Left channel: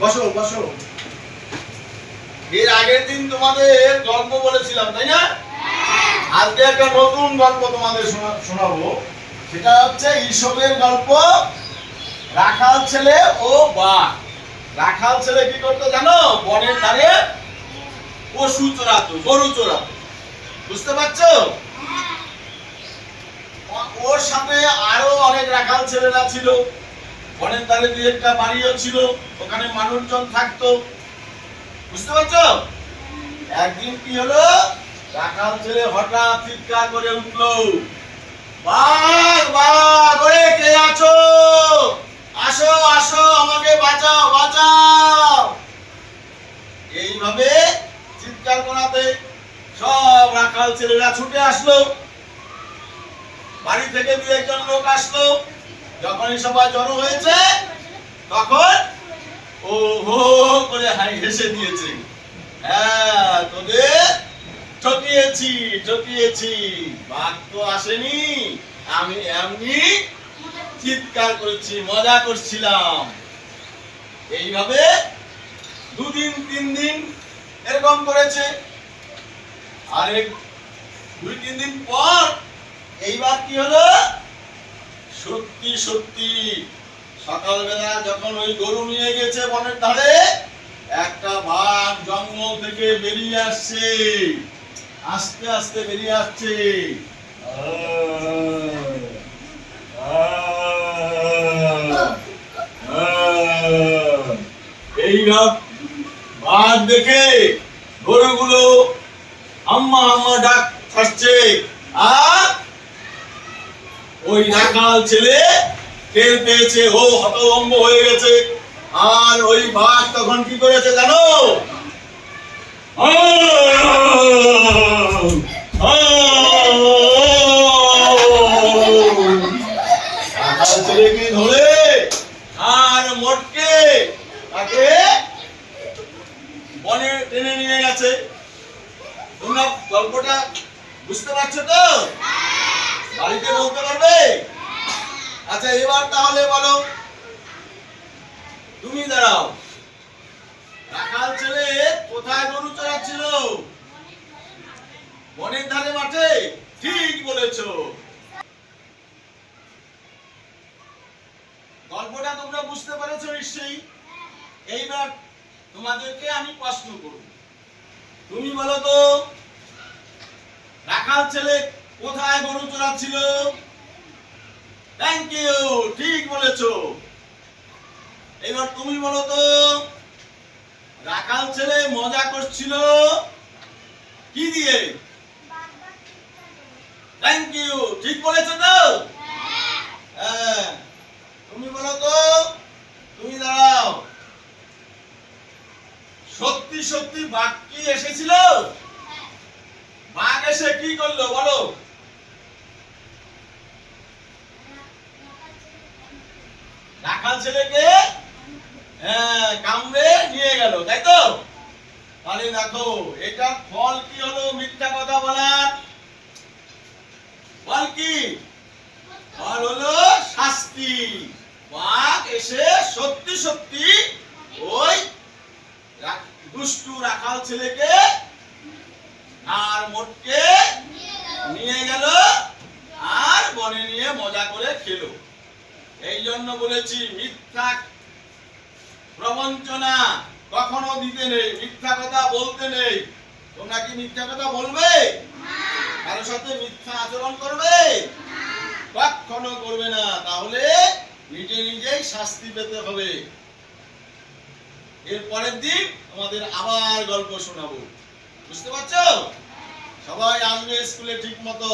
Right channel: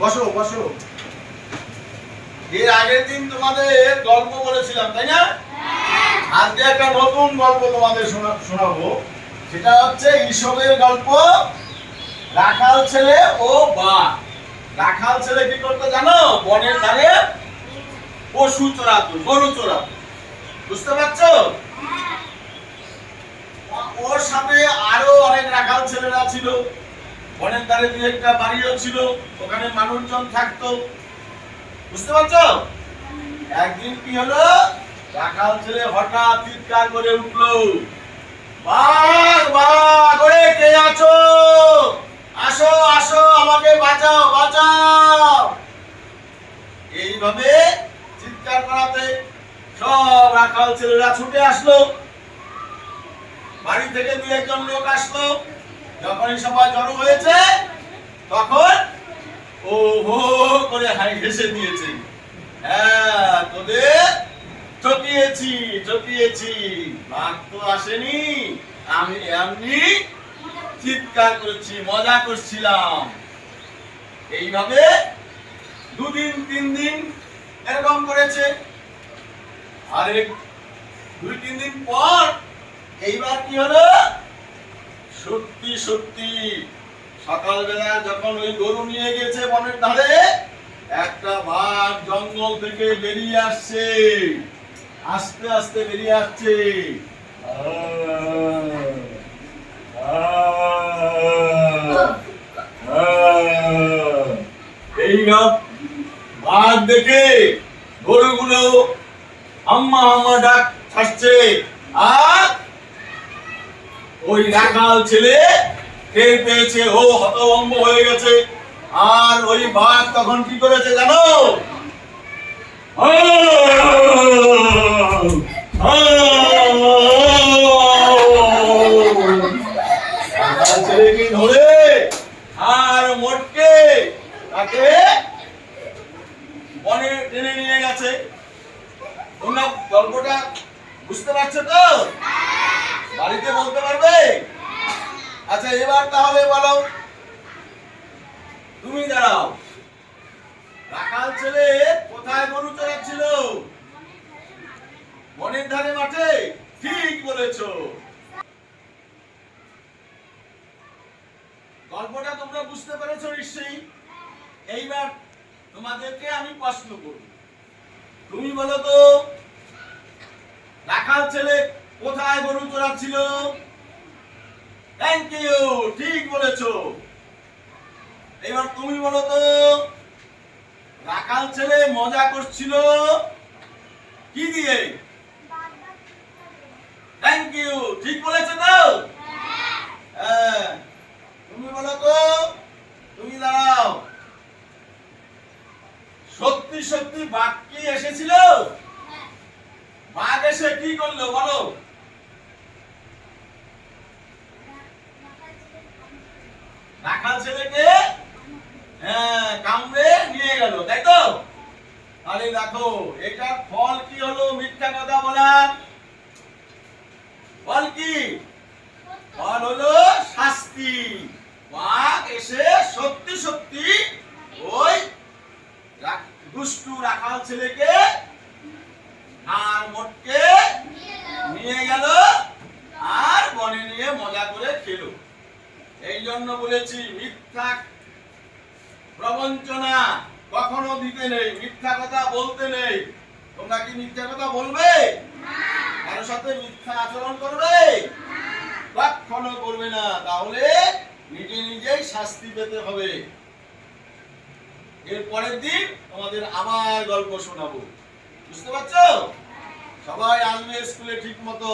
বসো বসো। এর আগের দিন তোমাদের গল্প বলেছিলাম, তাই না? আজকে একটা নতুন গল্প তোমাদের শোনাবো। সেটা হচ্ছে ঈশপের গল্প, রাখাল ছেলে ও বাঘ। রাখাল ছেলে কি করতো জানো? বনের ধারে পশু চড়াতো, গরু চড়াতো। বুঝতে পারছো? ওর সাথে আরো অনেক রাখাল ছেলেরা ছিল। বনের ধারে দুই একটা বাড়িও ছিল, ওখানে মানুষজন থাকতো। বুঝতে পারছো? একদিন কি হলো, রাখাল ছেলে হঠাৎ চিৎকার করে উঠলো, বাঘ বাঘ, ওরে কে আছো? আসো আসো, আমাকে বাঁচাও বাঁচাও। এইভাবে চিৎকার করাতে সব রাখাল ছেলেরা ছুটে আসলো। বাড়ি থেকে দু একজন লোক আসলো। যখনই সবাই জড়ো হয়েছে তখন ও হো করে হেসে দিয়েছে। হ্যাঁ, তোদের ঠকিয়েছি ঠকিয়েছি, বাঘ তো আসেনি, আমি এমনি চিৎকার করেছি, মজা করছিলাম। এইভাবে দুদিন তিন দিন এরকম করেছে। আরে দুই তিন দিন পর এইবার কি হলো, সত্যি সত্যি সকালবেলা যখন ওই গরু নিয়ে গেছে বনের ধারে, একটা বাঘ জঙ্গল থেকে বেরিয়ে আসছে, আস্তে আস্তে বেরিয়ে আসছে। এই বাঘ দেখে গরুগুলো আম্মা আম্মা ডাক ছাড়ছে। আর ওই রাখাল ছেলে টের পেয়েছে, ও হতভম্ব হয়ে গেছে। আর ওই বাঘ তখন কি করেছে জানো? রাখাল ছেলেকে ধরে আর মোটকে তাকে বনে টেনে নিয়ে গেছে। তোমরা গল্পটা বুঝতে পারছো তো? বাড়িতে বলতে পারবে? আচ্ছা, এবার তাহলে বলো, তুমি দাঁড়াও, রাখাল ছেলে কোথায় গরু চড়াচ্ছিল? বনের ধারে মাঠে। ঠিক বলেছো। গল্পটা তোমরা বুঝতে পেরেছো নিশ্চয়ই। এইবার তোমাদেরকে আমি প্রশ্ন করব, তুমি বলো তো, রাখাল ছেলে কোথায় গরু চড়াচ্ছিল? থ্যাংক ইউ, ঠিক বলেছো। এবার তুমি বলো তো, রাখাল ছেলে মজা করছিল কি দিয়ে? থ্যাংক ইউ, ঠিক বলেছো তো? হ্যাঁ। তুমি বলো তো, তুমি দাঁড়াও, সত্যি সত্যি বাঘ কি এসেছিল? বাঘ এসে কি করলো বলো? রাখাল ছেলেকে কামড়ে নিয়ে গেল, তাই তো? তাহলে দেখো, এটার ফল কি হলো মিথ্যা কথা বলার? ফল কি? ফল হলো শাস্তি। বাঘ এসে সত্যি সত্যি ওই দুষ্টু রাখাল ছেলেকে আর মোটকে নিয়ে গেল, আর বনে নিয়ে মজা করে খেলো। এই জন্য বলেছি, মিথ্যা প্রবঞ্চনা কখনো দিতে নেই, মিথ্যা কথা বলতে নেই। তোমরা কি মিথ্যা কথা বলবে? কারোর সাথে মিথ্যা আচরণ করবে? কখনো করবে না, তাহলে নিজে নিজেই শাস্তি পেতে হবে। এর পরের দিন তোমাদের আবার গল্প শোনাবো। বুঝতে পারছো? সবাই আসবে স্কুলে ঠিক মতো।